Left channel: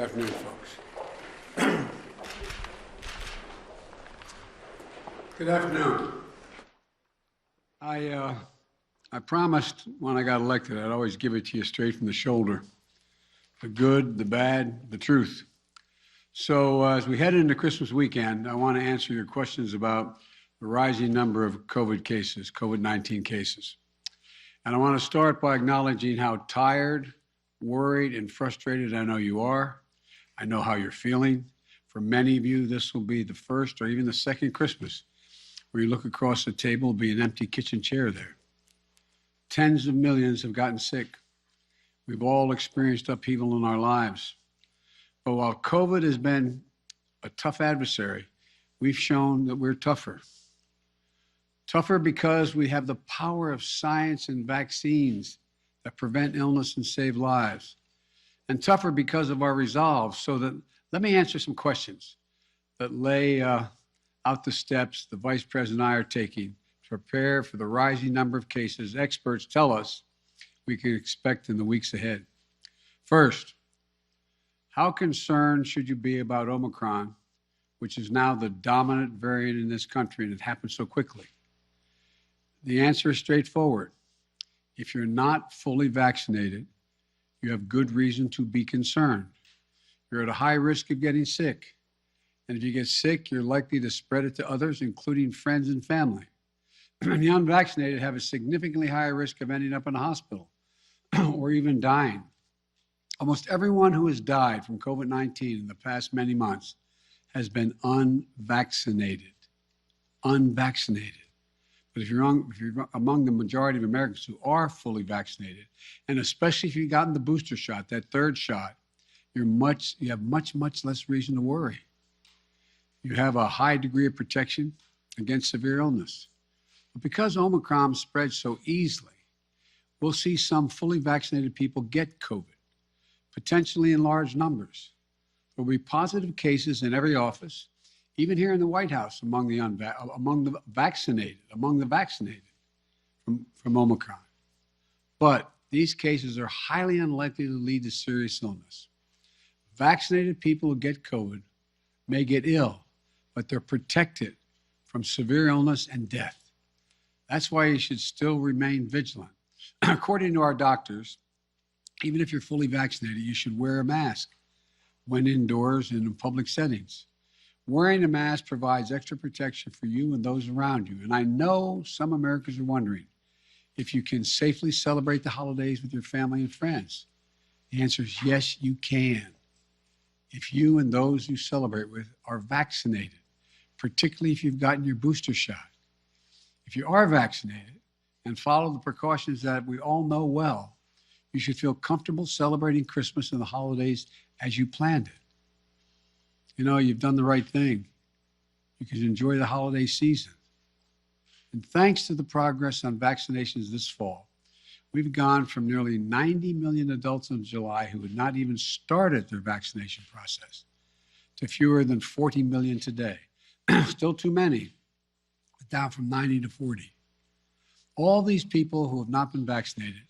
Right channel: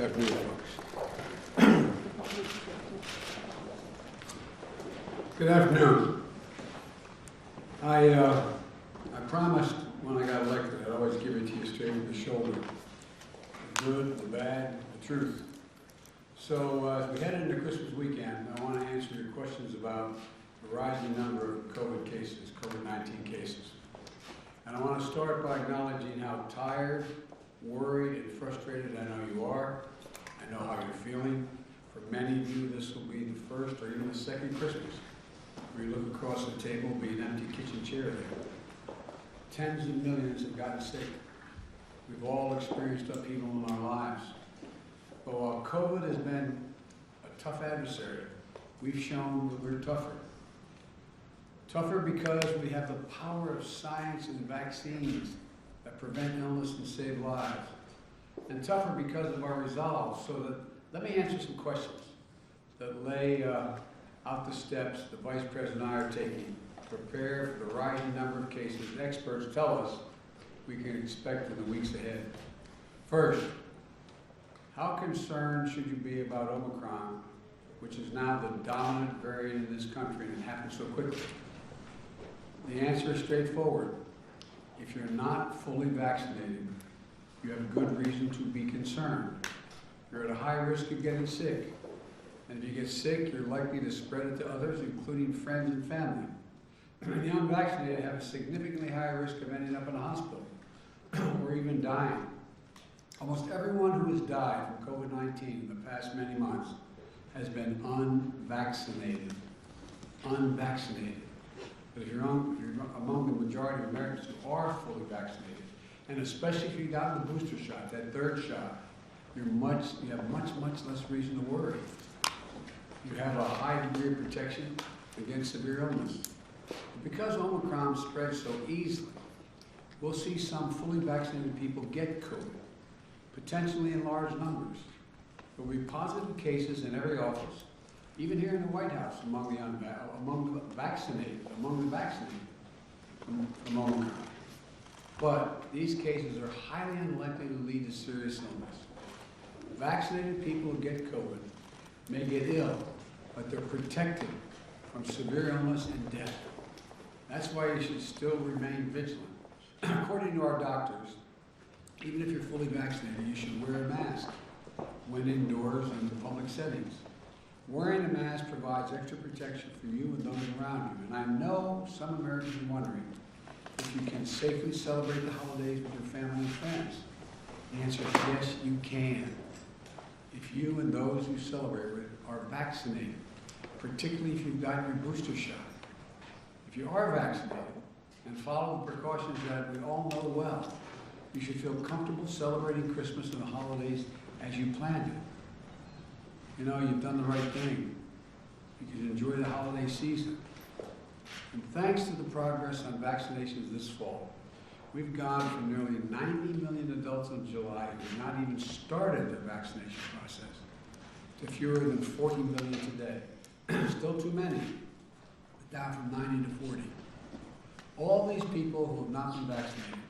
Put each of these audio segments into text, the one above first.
Good afternoon, folks. Good afternoon. I promised when I got elected I'd always give it to you straight from the shoulder. The good, the bad, the truth. So as we head into Christmas weekend, I want to answer your questions about the rising number of COVID cases, COVID-19 cases. And I want to start by acknowledging how tired, worried, and frustrated I know you are. I know how you're feeling. For many of you, this will be the first or even the second Christmas where you look across the table, will be an empty kitchen chair there. Tens of millions have gotten sick. We've all experienced upheaval in our lives. But while COVID has been a tough adversary, we've shown that we're tougher. Tougher because we have the power of science and vaccines that prevent illness and save lives. And tougher because of our resolve. So that, let me answer some questions that lay out the steps the Vice President and I are taking to prepare for the rising number of cases experts tell us we can expect in the weeks ahead. First, how concerned should you be about Omicron, which is now the dominant variant in this country, and it happened so quickly? The answer is straightforward. If you're not fully vaccinated, you have good reason to be concerned. You're at a high risk of getting sick. And if you get sick, you're likely to spread it to others, including friends and family. And the unvaccinated have a significantly higher risk of ending up in a hospital or even dying. Almost everyone who has died from COVID-19 in the past many months has been unvaccinated. Unvaccinated. But if you're among the majority of Americans who are fully vaccinated, and especially if you've gotten the booster shot, that third shot, you have much less reason to worry. You have a high degree of protection against severe illness. But because Omicron spreads so easily, we'll see some fully vaccinated people get COVID, potentially in large numbers. There will be positive cases in every office, even here in the White House, among the vaccinated from Omicron. But these cases are highly unlikely to lead to serious illness. Vaccinated people who get COVID may get ill, but they're protected from severe illness and death. That's why you should still remain vigilant. According to our doctors, even if you're fully vaccinated, you should wear a mask when indoors and in public settings. Wearing a mask provides extra protection for you and those around you. And I know some Americans are wondering if you can safely celebrate the holidays with your family and friends. The answer is yes, you can. If you and those you celebrate with are vaccinated, particularly if you've gotten your booster shot. If you are vaccinated and follow the precautions that we all know well, you should feel comfortable celebrating Christmas and the holidays as you planned it. You know, you've done the right thing. You can enjoy the holiday season. And thanks to the progress on vaccinations this fall, we've gone from nearly 90 million adults in July who have not even started their vaccination process to fewer than 40 million today. Still too many, but down from 90 to 40. All these people who have not been vaccinated,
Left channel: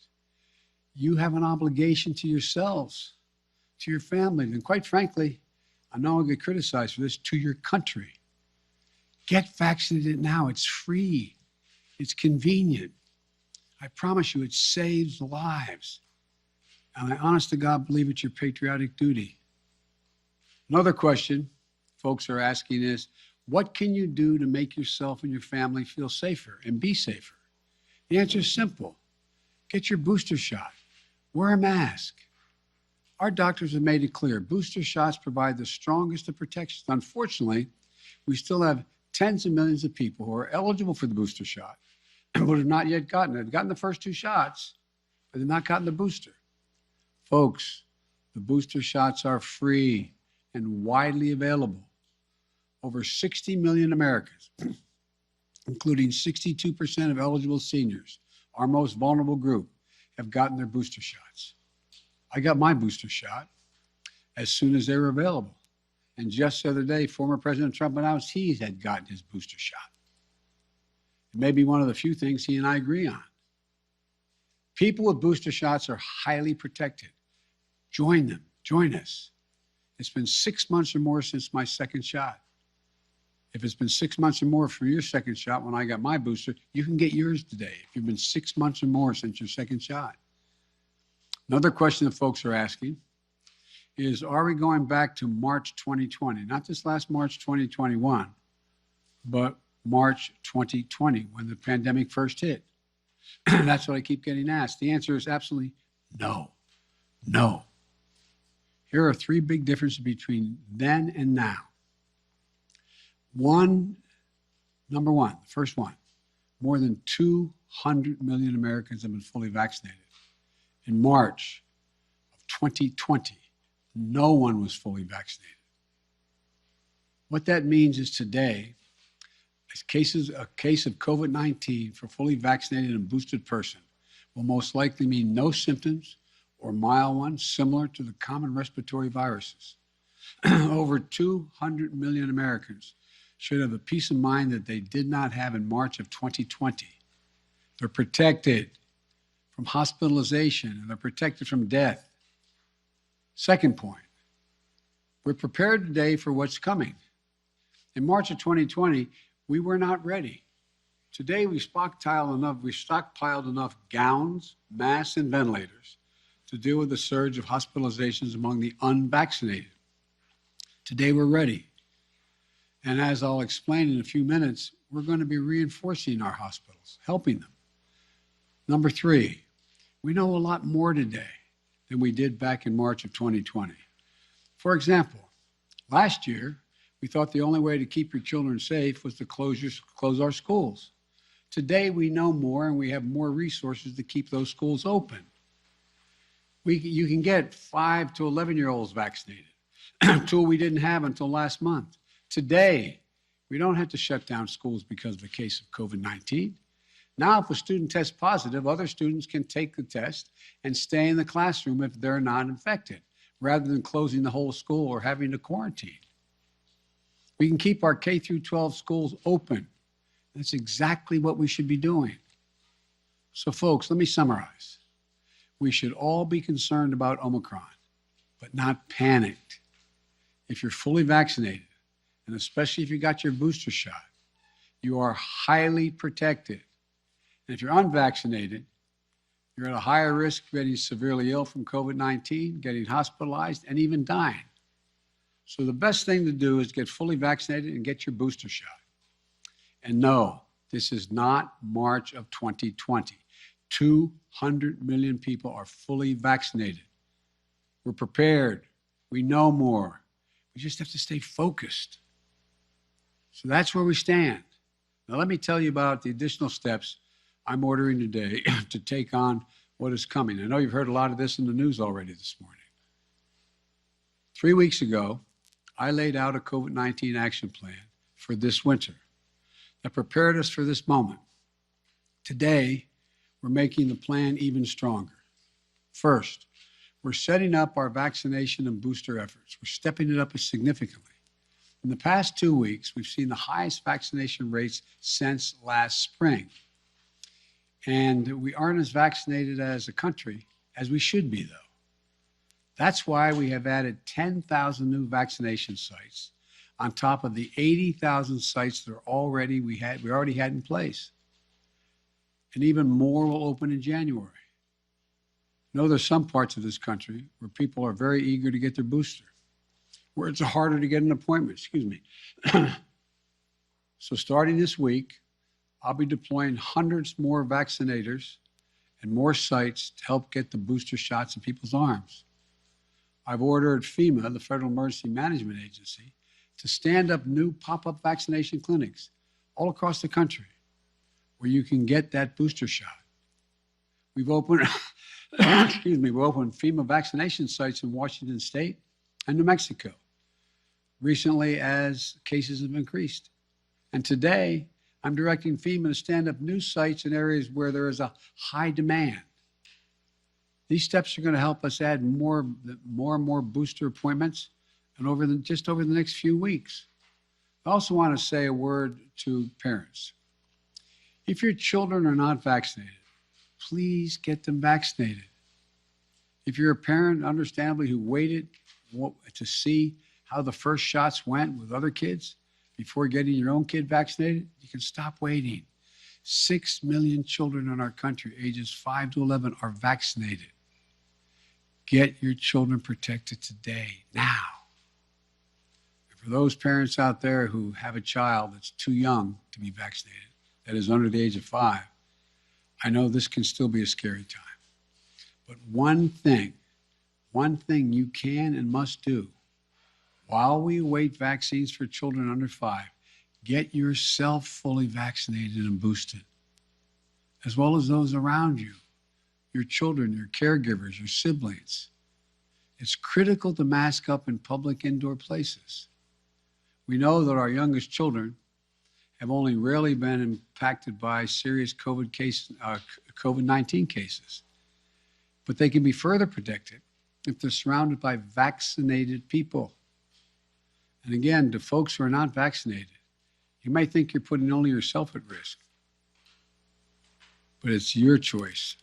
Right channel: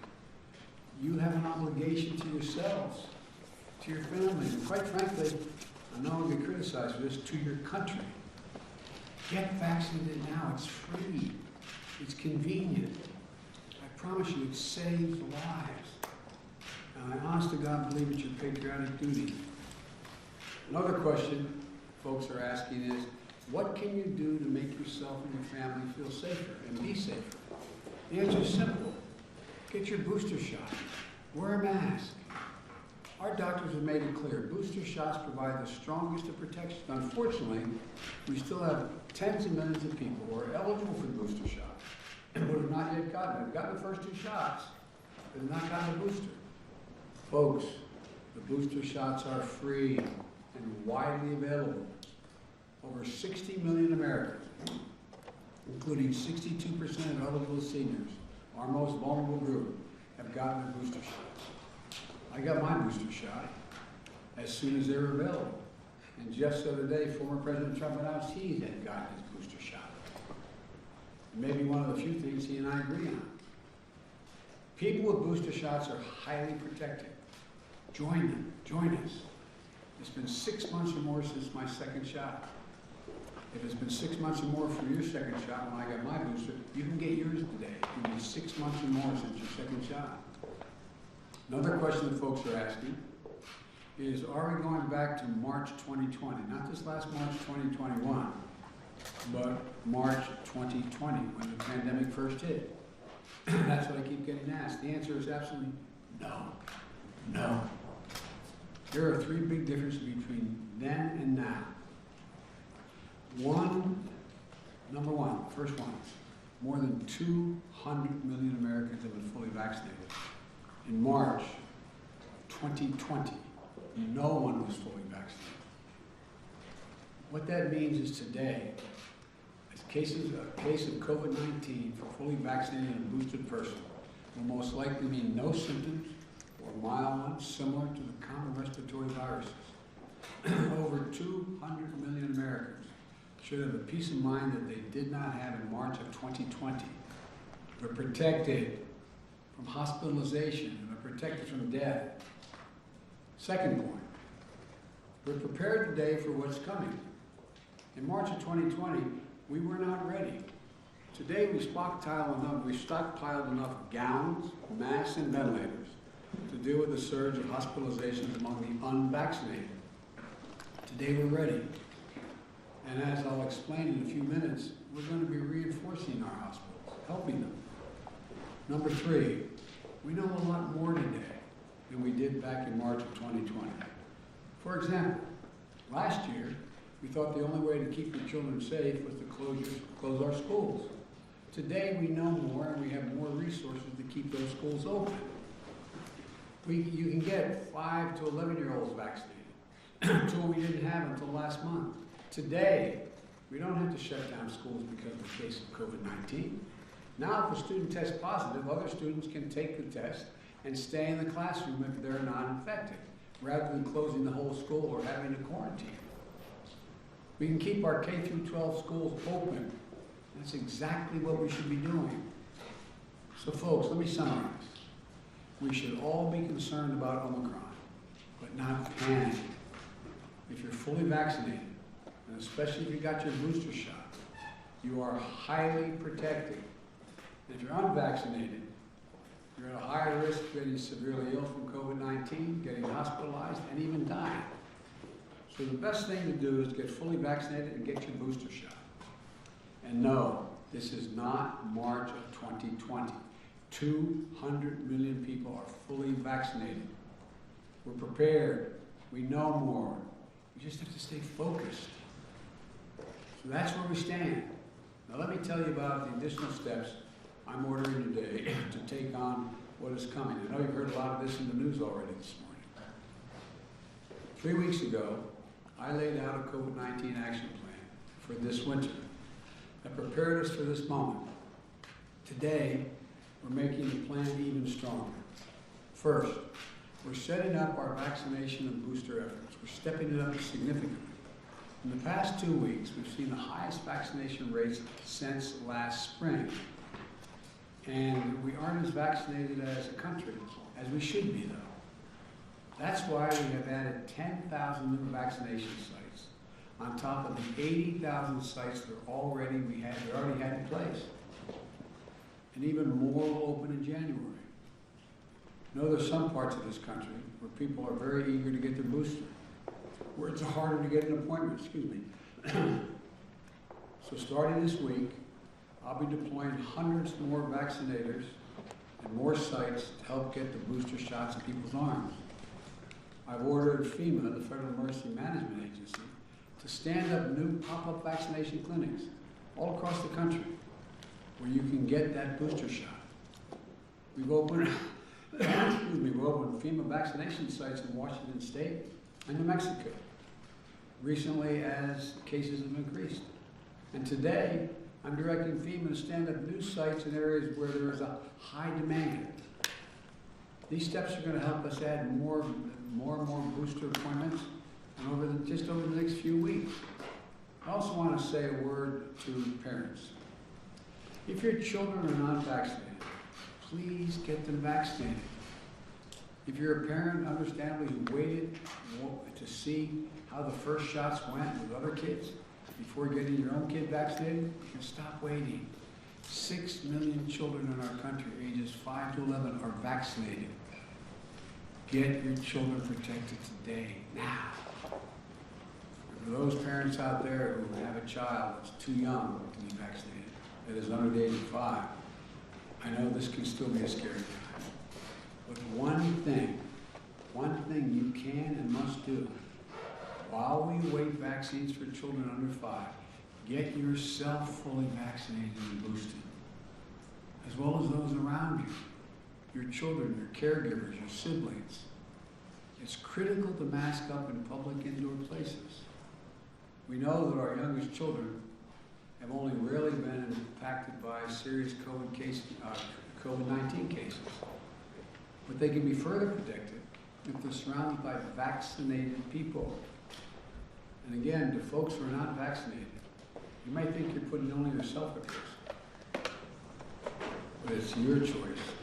you have an obligation to yourselves, to your families, and quite frankly, I'm not only criticized for this, to your country. Get vaccinated now. It's free. It's convenient. I promise you, it saves lives. And I honest to God believe it's your patriotic duty. Another question folks are asking is, what can you do to make yourself and your family feel safer and be safer? The answer is simple. Get your booster shot. Wear a mask. Our doctors have made it clear, booster shots provide the strongest of protections. Unfortunately, we still have tens of millions of people who are eligible for the booster shot, but have not yet gotten it. They've gotten the first two shots, but have not gotten the booster. Folks, the booster shots are free and widely available. Over 60 million Americans, including 62% of eligible seniors, our most vulnerable group, have gotten their booster shots. I got my booster shot as soon as they were available. And just the other day, former President Trump announced he had gotten his booster shot. Maybe one of the few things he and I agree on. People with booster shots are highly protected. Join them. Join us. It's been 6 months or more since my second shot. If it's been 6 months or more for your second shot when I got my booster, you can get yours today. It's been 6 months or more since your second shot. Another question that folks are asking is, are we going back to March 2020? Not this last March 2021, but March 2020, when the pandemic first hit. That's what I keep getting asked. The answer is absolutely no. No. There are three big differences between then and now. Number one, first one, more than 200 million Americans have been fully vaccinated. In March 2020, no one was fully vaccinated. What that means is today, a case of COVID-19 for fully vaccinated and boosted person will most likely mean no symptoms or mild ones similar to the common respiratory viruses. Over 200 million Americans should have the peace of mind that they did not have in March of 2020. They're protected from hospitalization, they're protected from death. Second point, we're prepared today for what's coming. In March of 2020, we were not ready. Today, we stockpiled enough gowns, masks, and ventilators to deal with the surge of hospitalizations among the unvaccinated. Today, we're ready. And as I'll explain in a few minutes, we're going to be reinforcing our hospitals, helping them. Number three, we know a lot more today than we did back in March of 2020. For example, last year, we thought the only way to keep your children safe was to close our schools. Today, we know more and we have more resources to keep those schools open. You can get 5 to 11-year-olds vaccinated, a tool we didn't have until last month. Today, we don't have to shut down schools because of a case of COVID-19. Now, if a student tests positive, other students can take the test and stay in the classroom if they're not infected, rather than closing the whole school or having to quarantine. We can keep our K through 12 schools open. That's exactly what we should be doing. So folks, let me summarize. We should all be concerned about Omicron, but not panicked. If you're fully vaccinated, and especially if you got your booster shot, you are highly protected. And if you're unvaccinated, you're at a higher risk of getting severely ill from COVID-19, getting hospitalized, and even dying. So the best thing to do is get fully vaccinated and get your booster shot. And no, this is not March of 2020. 200 million people are fully vaccinated. We're prepared. We know more. We just have to stay focused. So that's where we stand. Now let me tell you about the additional steps I'm ordering today to take on what is coming. I know you've heard a lot of this in the news already this morning. 3 weeks ago, I laid out a COVID-19 action plan for this winter that prepared us for this moment. Today, we're making the plan even stronger. First, we're setting up our vaccination and booster efforts. We're stepping it up significantly. In the past 2 weeks, we've seen the highest vaccination rates since last spring. And we aren't as vaccinated as a country as we should be, though. That's why we have added 10,000 new vaccination sites on top of the 80,000 sites that we already had in place. And even more will open in January. I know there's some parts of this country where people are very eager to get their booster, where it's harder to get an appointment, So starting this week, I'll be deploying hundreds more vaccinators and more sites to help get the booster shots in people's arms. I've ordered FEMA, the Federal Emergency Management Agency, to stand up new pop-up vaccination clinics all across the country where you can get that booster shot. We've opened, we've opened FEMA vaccination sites in Washington State and New Mexico recently as cases have increased. And today, I'm directing FEMA to stand up new sites in areas where there is a high demand. These steps are going to help us add more and more booster appointments and just over the next few weeks. I also want to say a word to parents. If your children are not vaccinated, please get them vaccinated. If you're a parent, understandably, who waited to see how the first shots went with other kids before getting your own kid vaccinated, you can stop waiting. 6 million children in our country, ages 5 to 11, are vaccinated. Get your children protected today, now. For those parents out there who have a child that's too young to be vaccinated, that is under the age of 5, I know this can still be a scary time. But one thing you can and must do while we await vaccines for children under 5, get yourself fully vaccinated and boosted, as well as those around you, your children, your caregivers, your siblings. It's critical to mask up in public indoor places. We know that our youngest children have only rarely been impacted by serious COVID-19 cases, but they can be further protected if they're surrounded by vaccinated people. And again, to folks who are not vaccinated, you might think you're putting only yourself at risk, but it's your choice.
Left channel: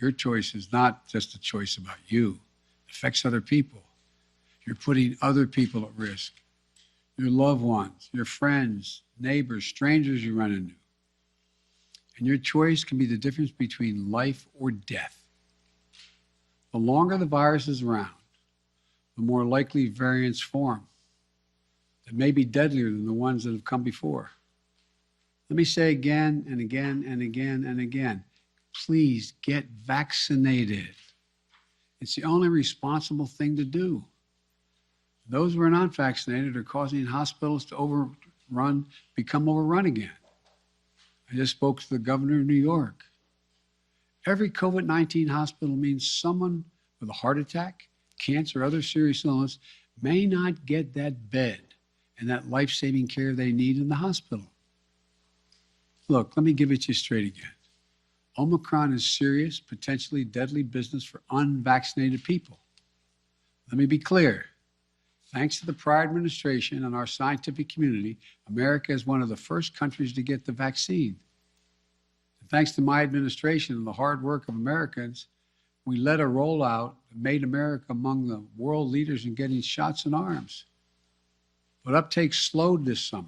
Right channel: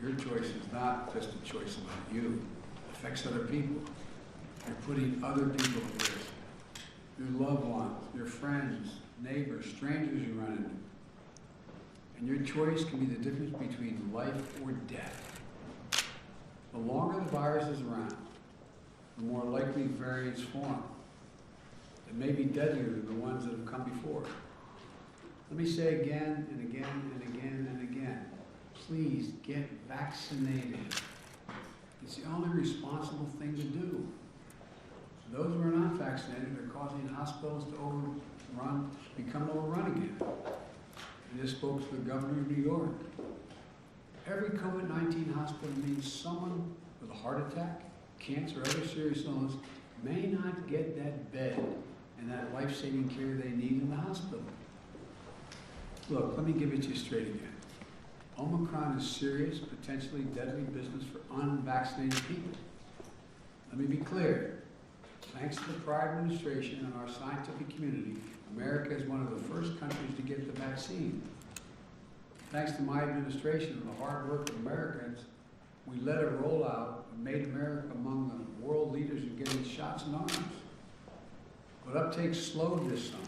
Your choice is not just a choice about you. It affects other people. You're putting other people at risk. Your loved ones, your friends, neighbors, strangers you run into. And your choice can be the difference between life or death. The longer the virus is around, the more likely variants form. It may be deadlier than the ones that have come before. Let me say again and again and again and again, please get vaccinated. It's the only responsible thing to do. Those who are not vaccinated are causing hospitals to become overrun again. I just spoke to the governor of New York. Every COVID-19 hospital means someone with a heart attack, cancer, or other serious illness may not get that bed and that life-saving care they need in the hospital. Look, let me give it to you straight again. Omicron is serious, potentially deadly business for unvaccinated people. Let me be clear. Thanks to the prior administration and our scientific community, America is one of the first countries to get the vaccine. Thanks to my administration and the hard work of Americans, we led a rollout that made America among the world leaders in getting shots in arms. But uptake slowed this summer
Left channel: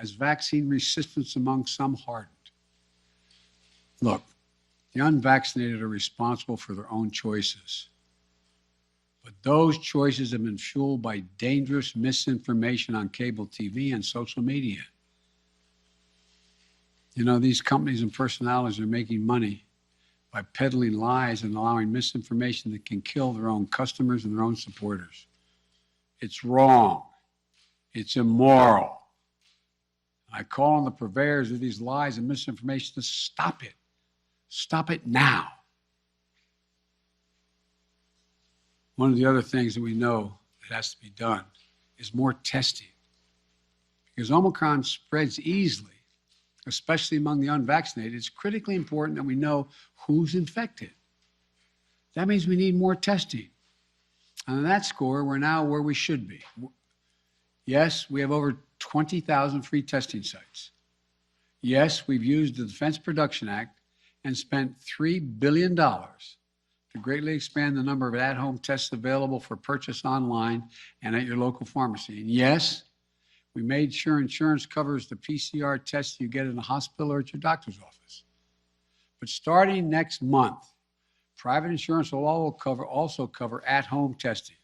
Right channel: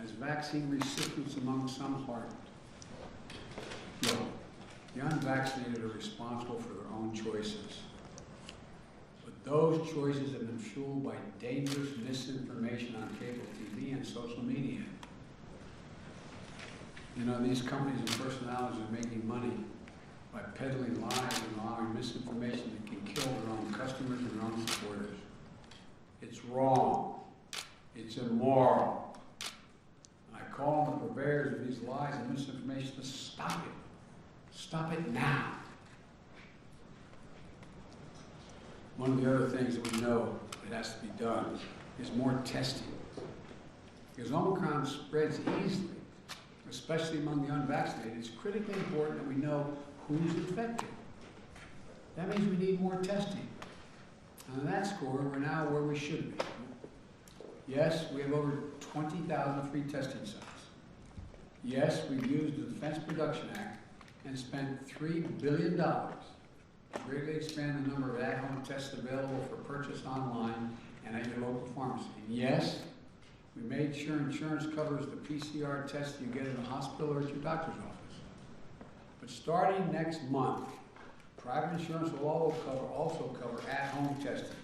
as vaccine resistance among some hardened. Look, the unvaccinated are responsible for their own choices. But those choices have been fueled by dangerous misinformation on cable TV and social media. You know, these companies and personalities are making money by peddling lies and allowing misinformation that can kill their own customers and their own supporters. It's wrong. It's immoral. I call on the purveyors of these lies and misinformation to stop it. Stop it now. One of the other things that we know that has to be done is more testing. Because Omicron spreads easily, especially among the unvaccinated. It's critically important that we know who's infected. That means we need more testing. And on that score, we're now where we should be. Yes, we have over 20,000 free testing sites. Yes, we've used the Defense Production Act and spent $3 billion to greatly expand the number of at-home tests available for purchase online and at your local pharmacy. And yes, we made sure insurance covers the PCR tests you get in the hospital or at your doctor's office. But starting next month, private insurance will also cover at-home testing.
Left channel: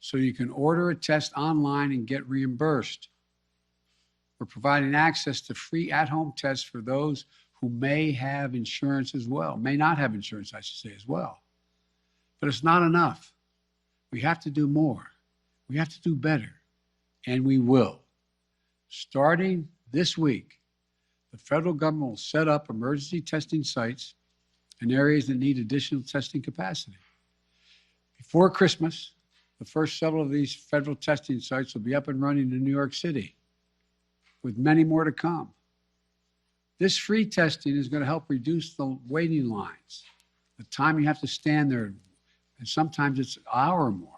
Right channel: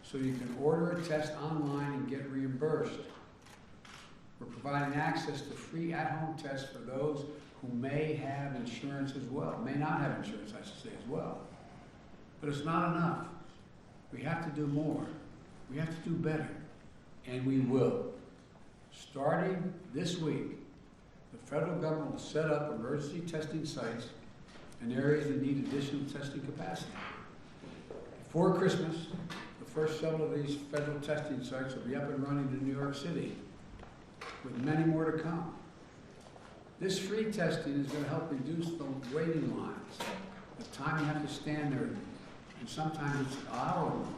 So you can order a test online and get reimbursed. We're providing access to free at-home tests for those who may have insurance as well, may not have insurance, I should say, as well. But it's not enough. We have to do more. We have to do better, and we will. Starting this week, the federal government will set up emergency testing sites in areas that need additional testing capacity. Before Christmas, the first several of these federal testing sites will be up and running in New York City, with many more to come. This free testing is going to help reduce the waiting lines, the time you have to stand there, and sometimes it's an hour or more.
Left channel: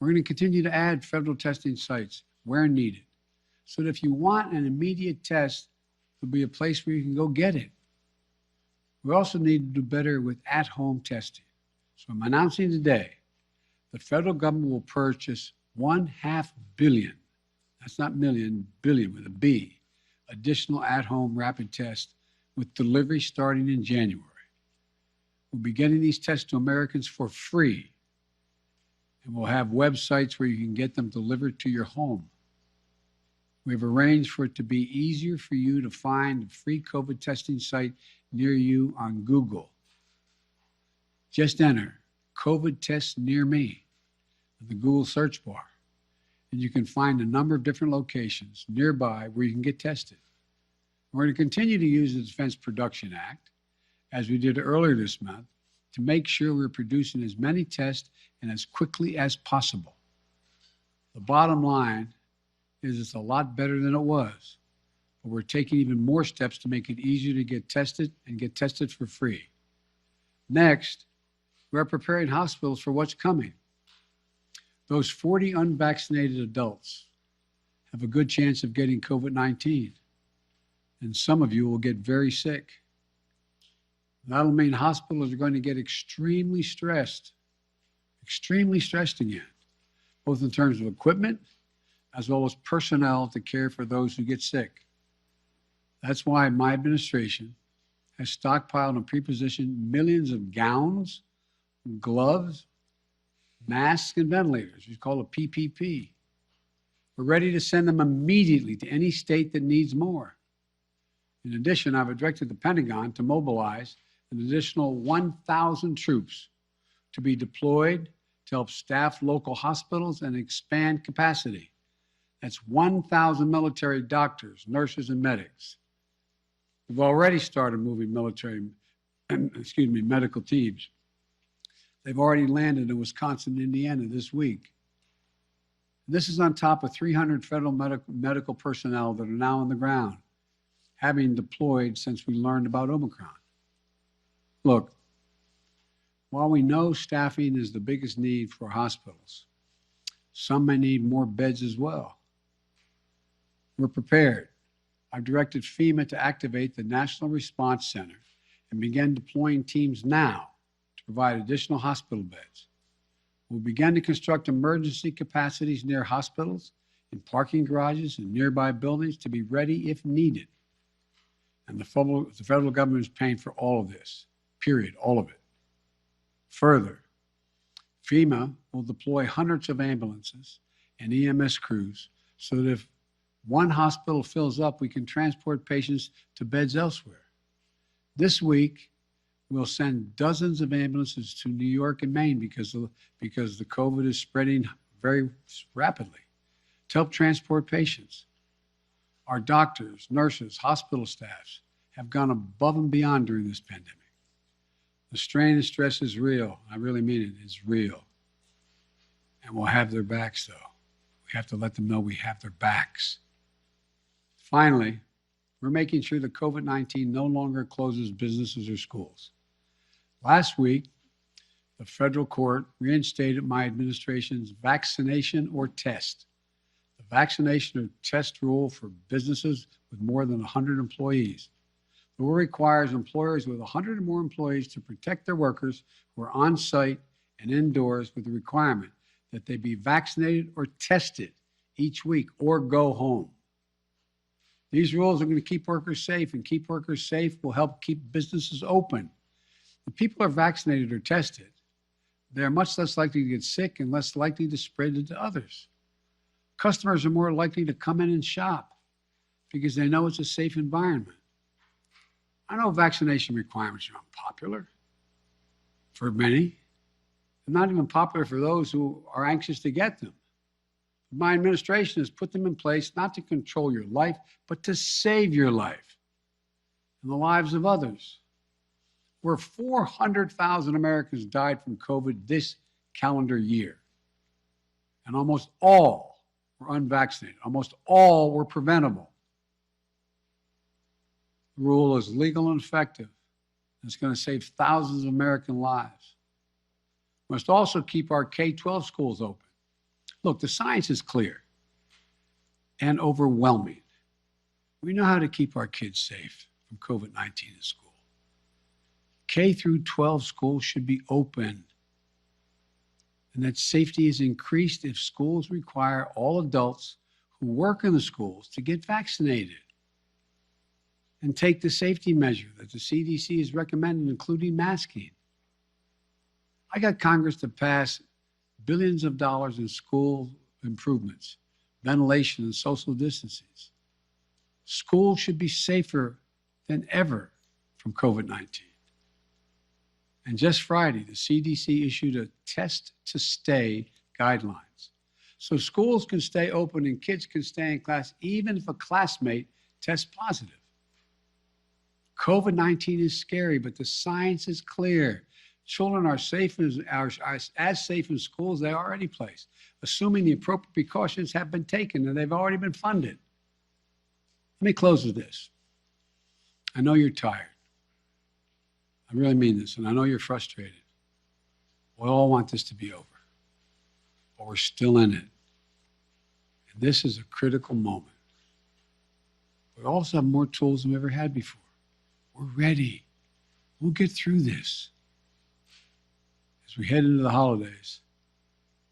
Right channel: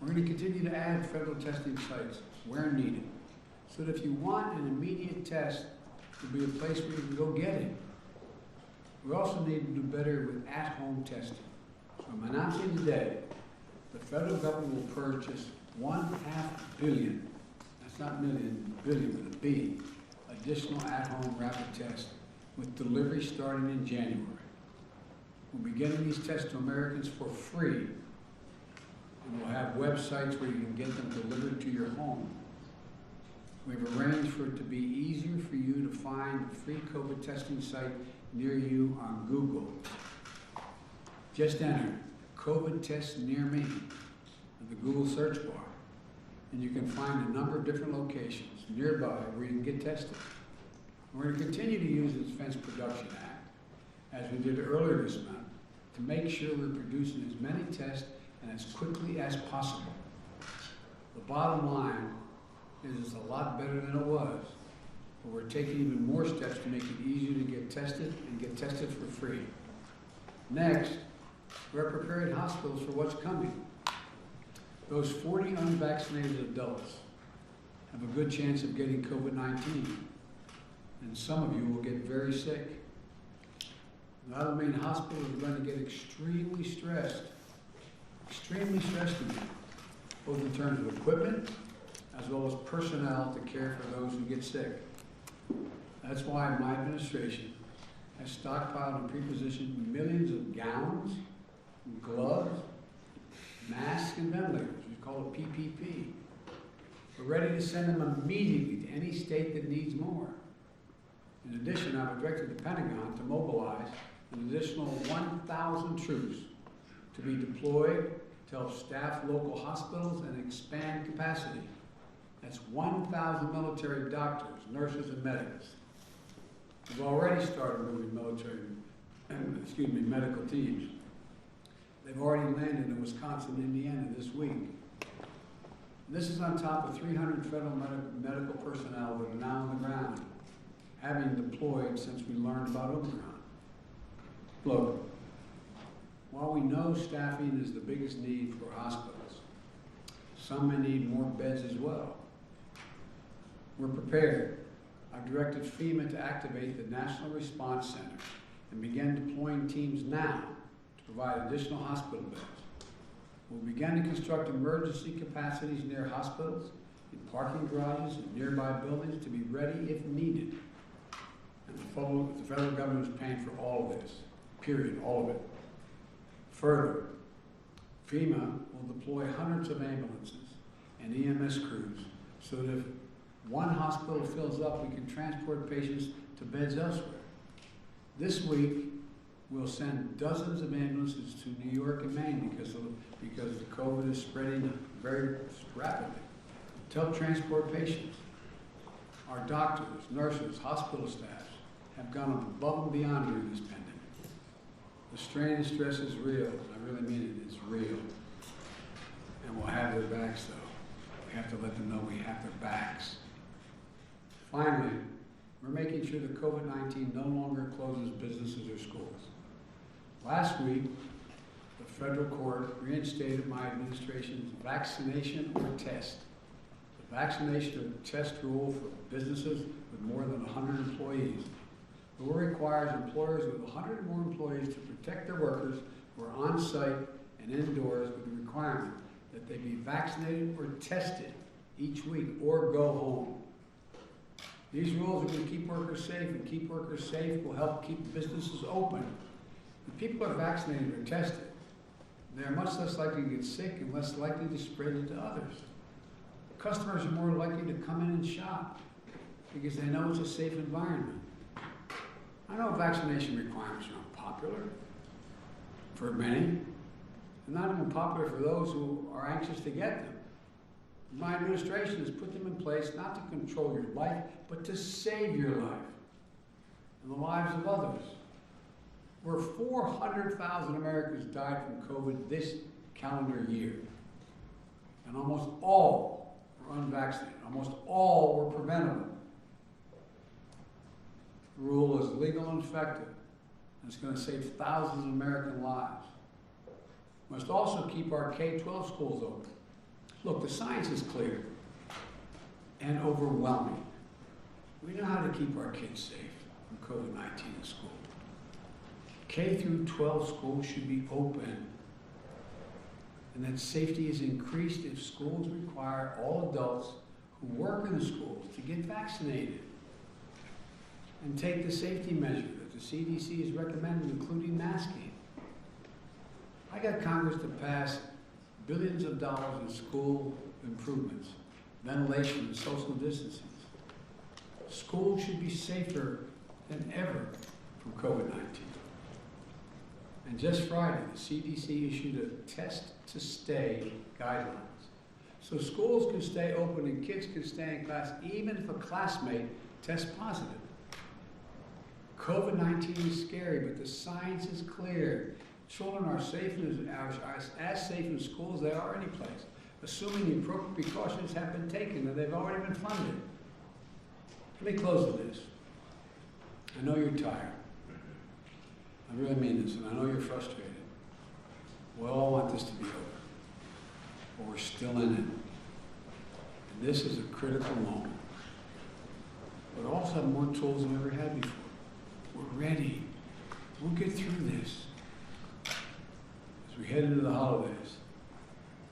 We're going to continue to add federal testing sites where needed, so that if you want an immediate test, there'll be a place where you can go get it. We also need to do better with at-home testing. So I'm announcing today the federal government will purchase 1/2 billion, that's not million, billion with a B, additional at-home rapid tests with delivery starting in January. We'll be getting these tests to Americans for free. And we'll have websites where you can get them delivered to your home. We've arranged for it to be easier for you to find a free COVID testing site near you on Google. Just enter COVID test near me in the Google search bar, and you can find a number of different locations nearby where you can get tested. We're going to continue to use the Defense Production Act, as we did earlier this month, to make sure we're producing as many tests and as quickly as possible. The bottom line is it's a lot better than it was, but we're taking even more steps to make it easier to get tested and get tested for free. Next, we're preparing hospitals for what's coming. Those 40 unvaccinated adults have a good chance of getting COVID-19, and some of you will get very sick. That'll mean hospitals are going to get extremely stressed again, both in terms of equipment as well as personnel to care for those who get sick. That's why my administration has stockpiled and pre-positioned millions of gowns, gloves, masks, and ventilators. We call it PPP. We're ready to send them immediately to any state that needs more. In addition, I've directed the Pentagon to mobilize an additional 1,000 troops to be deployed to help staff local hospitals and expand capacity. That's 1,000 military doctors, nurses, and medics. We've already started moving medical teams. They've already landed in Wisconsin and Indiana this week. This is on top of 300 federal medical personnel that are now on the ground, having deployed since we learned about Omicron. Look, while we know staffing is the biggest need for hospitals, some may need more beds as well. We're prepared. I've directed FEMA to activate the National Response Center and begin deploying teams now to provide additional hospital beds. We'll begin to construct emergency capacities near hospitals, in parking garages, and nearby buildings to be ready if needed. And the federal government is paying for all of this, period, all of it. Further, FEMA will deploy hundreds of ambulances and EMS crews so that if one hospital fills up, we can transport patients to beds elsewhere. This week, we'll send dozens of ambulances to New York and Maine because the COVID is spreading very rapidly to help transport patients. Our doctors, nurses, hospital staffs have gone above and beyond during this pandemic. The strain and stress is real. I really mean it. It's real. And we'll have their backs, though. We have to let them know we have their backs. Finally, we're making sure that COVID-19 no longer closes businesses or schools. Last week, the federal court reinstated my administration's vaccination or test. The vaccination or test rule for businesses with more than 100 employees. The rule requires employers with 100 or more employees to protect their workers who are on site and indoors with the requirement that they be vaccinated or tested each week or go home. These rules are going to keep workers safe, and keep workers safe will help keep businesses open. When people are vaccinated or tested, they are much less likely to get sick and less likely to spread it to others. Customers are more likely to come in and shop because they know it's a safe environment. I know vaccination requirements are unpopular for many. They're not even popular for those who are anxious to get them. My administration has put them in place not to control your life, but to save your life and the lives of others. Where 400,000 Americans died from COVID this calendar year, and almost all were unvaccinated. Almost all were preventable. The rule is legal and effective. It's going to save thousands of American lives. We must also keep our K-12 schools open. Look, the science is clear and overwhelming. We know how to keep our kids safe from COVID-19 in school. K through 12 schools should be open. and that safety is increased if schools require all adults who work in the schools to get vaccinated and take the safety measure that the CDC is recommending, including masking. I got Congress to pass billions of dollars in school improvements, ventilation and social distancing. Schools should be safer than ever from COVID-19. And just Friday, the CDC issued a test-to-stay guidelines. So schools can stay open and kids can stay in class even if a classmate tests positive. COVID-19 is scary, but the science is clear. Children are safe as safe in school as they are any place, assuming the appropriate precautions have been taken and they've already been funded. Let me close with this. I know you're tired. I really mean this, and I know you're frustrated. We all want this to be over, but we're still in it. And this is a critical moment. We also have more tools than we ever had before. We're ready. We'll get through this. As we head into the holidays,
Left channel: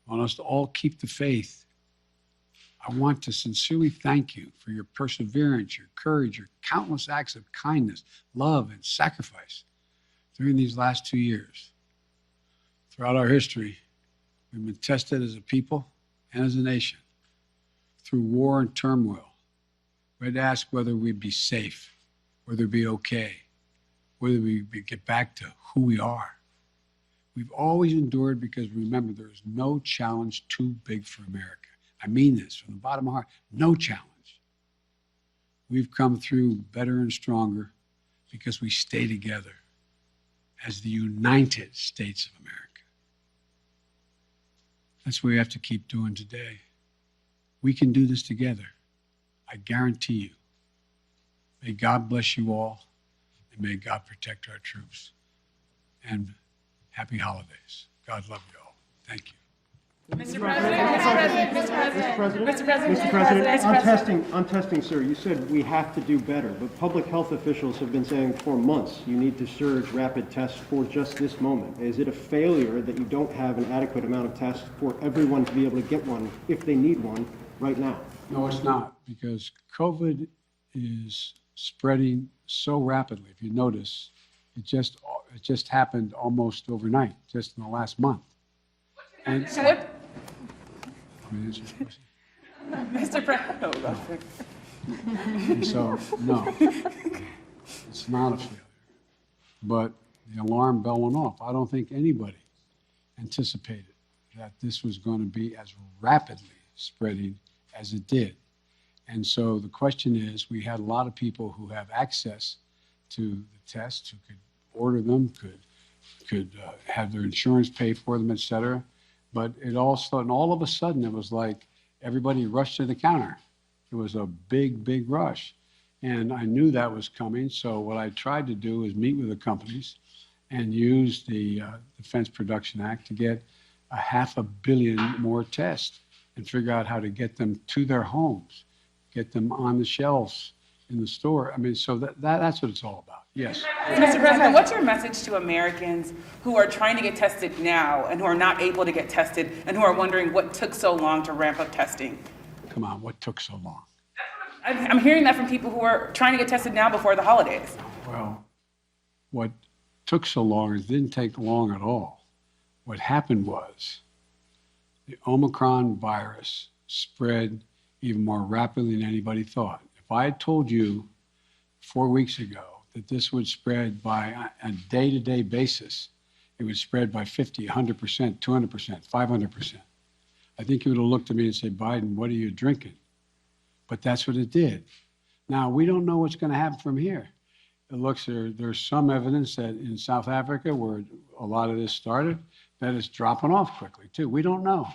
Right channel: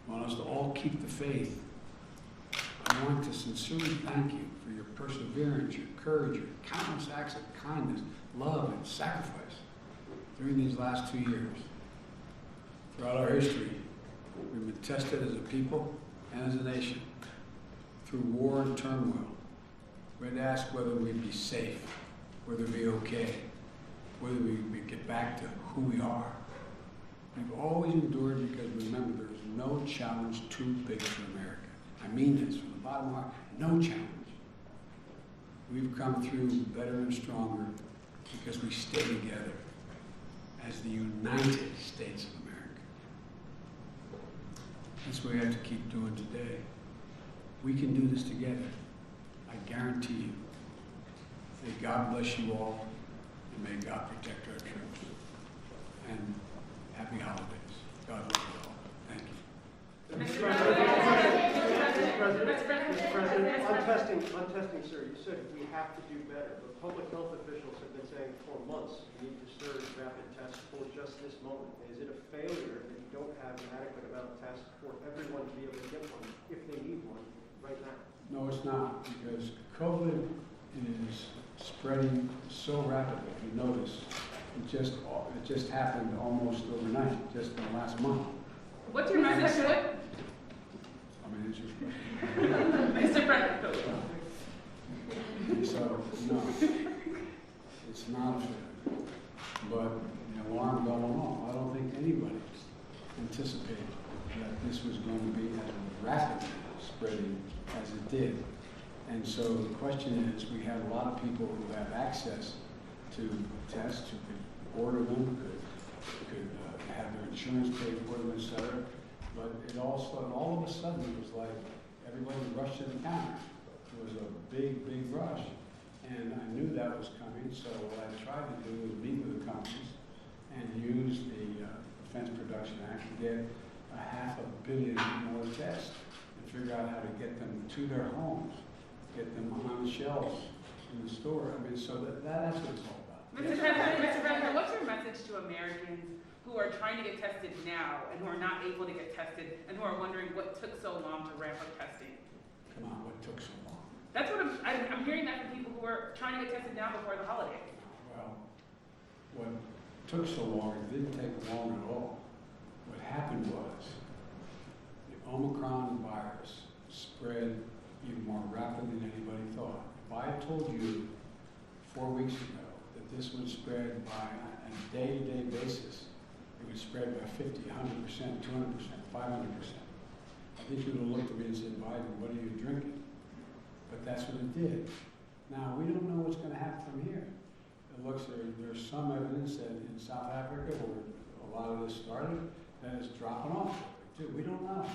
I want us to all keep the faith. I want to sincerely thank you for your perseverance, your courage, your countless acts of kindness, love, and sacrifice during these last 2 years. Throughout our history, we've been tested as a people and as a nation through war and turmoil. We had to ask whether we'd be safe, whether we'd be okay, whether we'd get back to who we are. We've always endured because remember, there is no challenge too big for America. I mean this from the bottom of my heart, no challenge. We've come through better and stronger because we stay together as the United States of America. That's what we have to keep doing today. We can do this together. I guarantee you. May God bless you all, and may God protect our troops. And happy holidays. God love you all. Thank you. Mr. President, on testing, sir, you said we have to do better, but public health officials have been saying for months you need to surge rapid tests for just this moment. Is it a failure that you don't have an adequate amount of tests for everyone to be able to get one if they need one right now? No, it's not, because COVID is spreading so rapidly. If you notice, it just happened almost overnight, just in the last month. What's your message? Mr. President. So, no, it's not a failure. But the alarm bell went off. I don't think anybody anticipated that this was going to be as rapidly spreading as it did. And so the question is, we had a lot of people who have access to tests, who could order them, could have their insurance pay for them, et cetera. But all of a sudden, it was like everybody rushed to the counter. It was a big, big rush. And I knew that was coming, so what I tried to do is meet with the companies and use the Defense Production Act to get 500 million more tests and figure out how to get them to their homes, get them on the shelves in the store. I mean, so that's what it's all about. Yes. Mr. President, what's your message to Americans who are trying to get tested now and who are not able to get tested and who are wondering what took so long to ramp up testing? Come on, what took so long? That's what I'm hearing that from people who are trying to get tested now before the holidays. Well, what took so long, it didn't take long at all. What happened was the Omicron virus spread even more rapidly than anybody thought. If I had told you 4 weeks ago that this would spread by a day-to-day basis, it would spread by 50, 100%, 200%, 500%. I think you would have looked at me and said, Biden, what are you drinking? But that's what it did. Now, we don't know what's going to happen from here. It looks there's some evidence that in South Africa, where a lot of this started, that it's dropping off quickly, too. We don't know.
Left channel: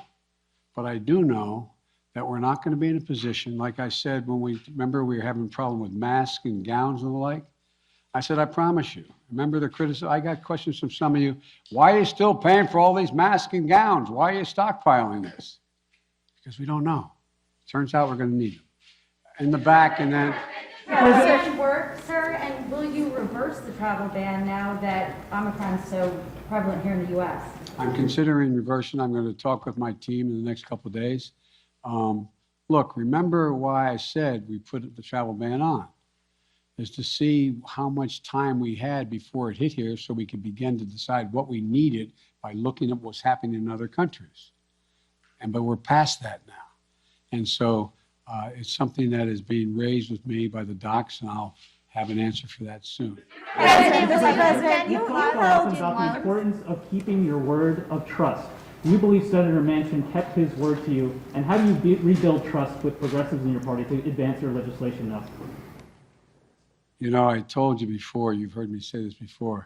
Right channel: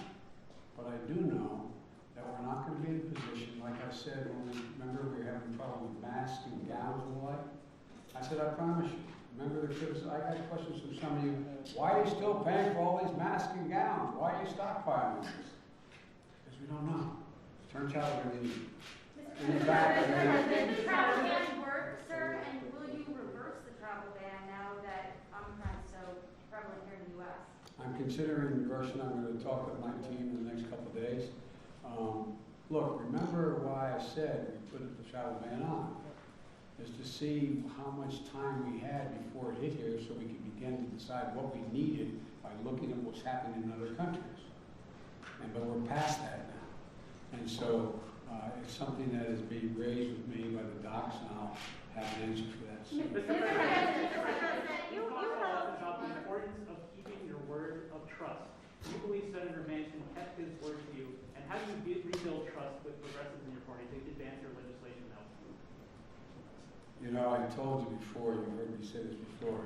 But I do know that we're not going to be in a position, like I said, when we were having a problem with masks and gowns and the like. I said, I promise you. Remember the criticism? I got questions from some of you. Why are you still paying for all these masks and gowns? Why are you stockpiling this? Because we don't know. Turns out we're going to need it. In the back, and then. Does it work, sir? And will you reverse the travel ban now that Omicron is so prevalent here in the U.S.? I'm considering reversing. I'm going to talk with my team in the next couple of days. Look, remember why I said we put the travel ban on, is to see how much time we had before it hit here so we could begin to decide what we needed by looking at what's happening in other countries. But we're past that now. And so it's something that is being raised with me by the docs, and I'll have an answer for that soon. You talk often about the importance of keeping your word of trust. Do you believe Senator Manchin kept his word to you? And how do you rebuild trust with progressives in your party to advance your legislation now? You know, I told you before, you've heard me say this before,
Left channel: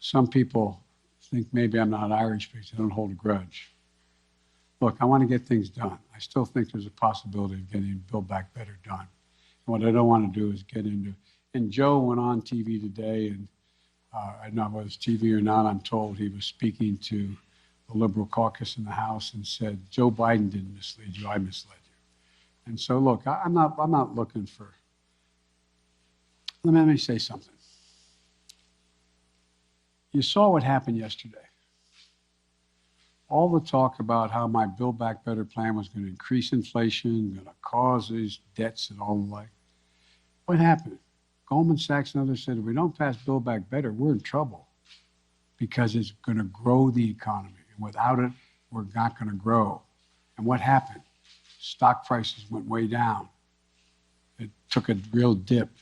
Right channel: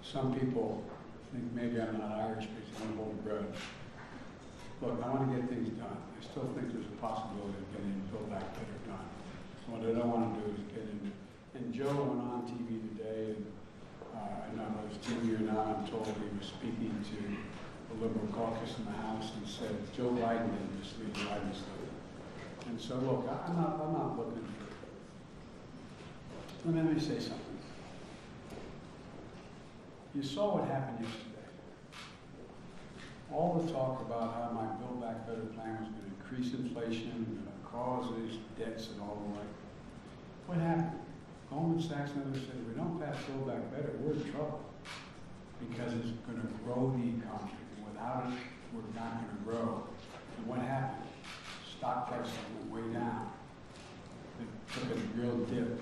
some people think maybe I'm not Irish because they don't hold a grudge. Look, I want to get things done. I still think there's a possibility of getting Build Back Better done. And what I don't want to do is get into, and Joe went on TV today, and I don't know whether it's TV or not, I'm told he was speaking to the Liberal caucus in the House and said, Joe Biden didn't mislead you, I misled him. And so look, I'm not looking for, let me say something. You saw what happened yesterday. All the talk about how my Build Back Better plan was going to increase inflation, going to cause these debts and all the like. What happened? Goldman Sachs and others said, if we don't pass Build Back Better, we're in trouble because it's going to grow the economy. Without it, we're not going to grow. And what happened? Stock prices went way down. It took a real dip.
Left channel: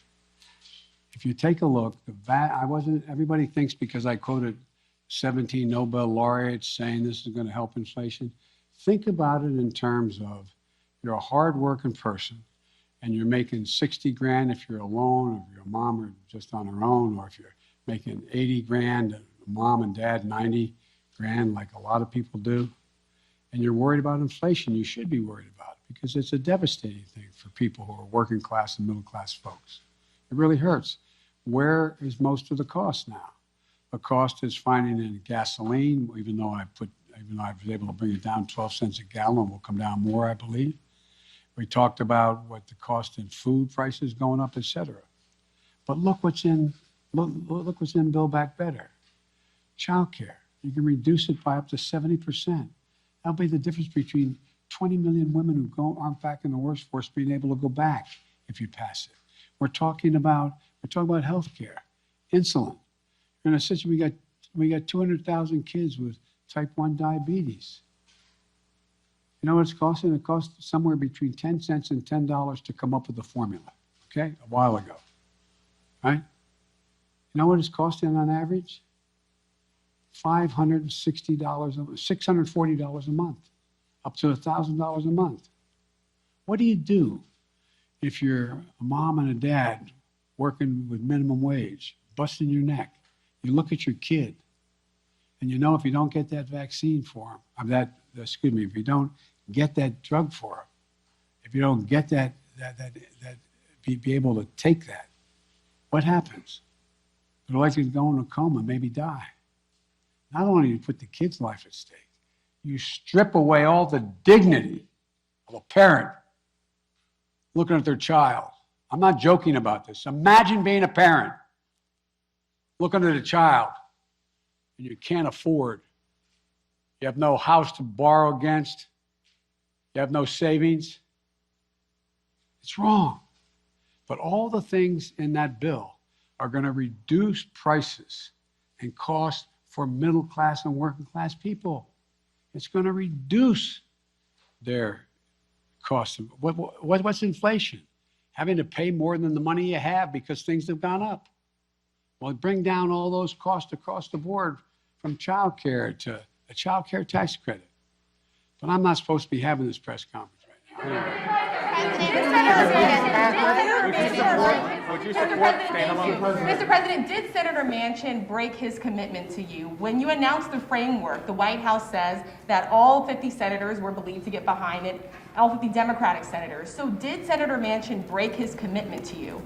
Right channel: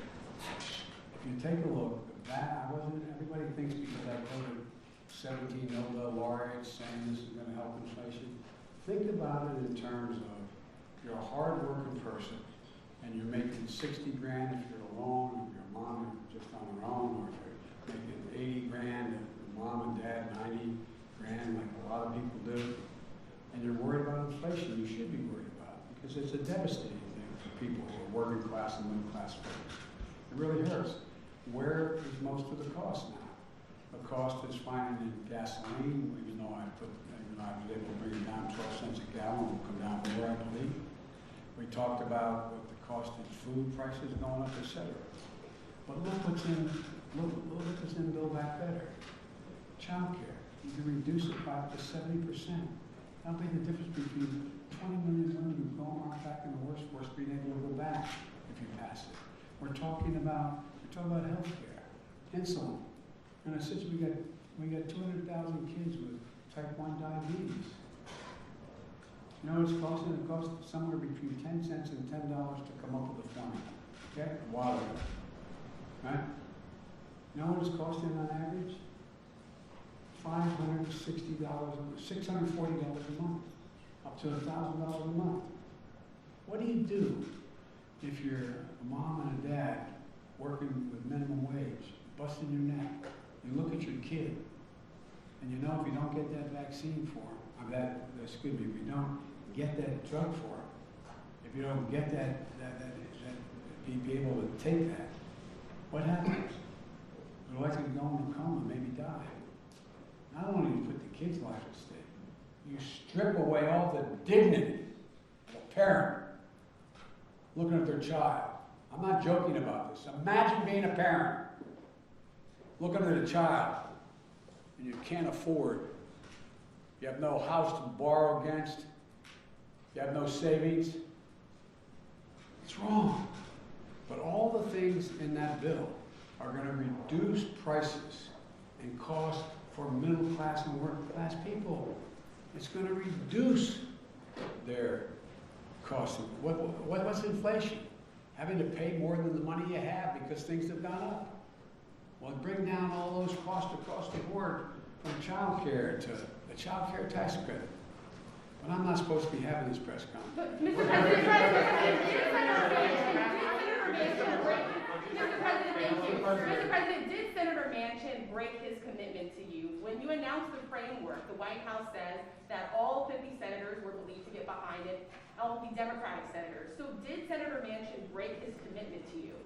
If you take a look, everybody thinks because I quoted 17 Nobel laureates saying this is going to help inflation. Think about it in terms of you're a hard-working person and you're making 60 grand if you're alone, or your mom or just on her own, or if you're making 80 grand, mom and dad 90 grand like a lot of people do, and you're worried about inflation, you should be worried about it because it's a devastating thing for people who are working class and middle class folks. It really hurts. Where is most of the cost now? The cost is finding in gasoline, even though I was able to bring it down 12 cents a gallon, it will come down more, I believe. We talked about what the cost in food prices going up, et cetera. But look what's in Build Back Better. Child care. You can reduce it by up to 70%. That'll be the difference between 20 million women who aren't back in the workforce being able to go back if you pass it. We're talking about health care, insulin. In a situation, we got 200,000 kids with type 1 diabetes. You know what it's costing? It cost somewhere between 10 cents and $10 to come up with the formula, okay? A while ago, right? You know what it's costing on average? $560, $640 a month, up to $1,000 a month. What do you do if you're a mom and a dad working with minimum wage, busting your neck? You look at your kid, and you know if you don't get that vaccine for him, if you don't get that drug for him, if you don't get be able to take that, what happens? They're likely to go in a coma, maybe die. Not only do you put the kid's life at stake, you strip away all the dignity of a parent looking at their child. I'm not joking about this. Imagine being a parent, looking at a child, and you can't afford. You have no house to borrow against. You have no savings. It's wrong. But all the things in that bill are going to reduce prices and cost for middle class and working class people. It's going to reduce their costs. What's inflation? Having to pay more than the money you have because things have gone up. Well, bring down all those costs across the board from child care to a child care tax credit. But I'm not supposed to be having this press conference. Mr. President, did Senator Manchin break his commitment to you? When you announced the framework, the White House says that all 50 senators were believed to get behind it, all 50 Democratic senators. So did Senator Manchin break his commitment to you?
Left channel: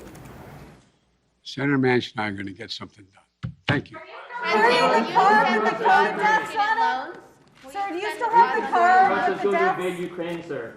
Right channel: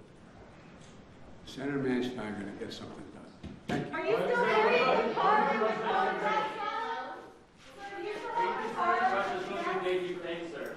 Senator Manchin and I are going to get something done. Thank you. Sir, do you still have the car with the deaths? Ukraine, sir.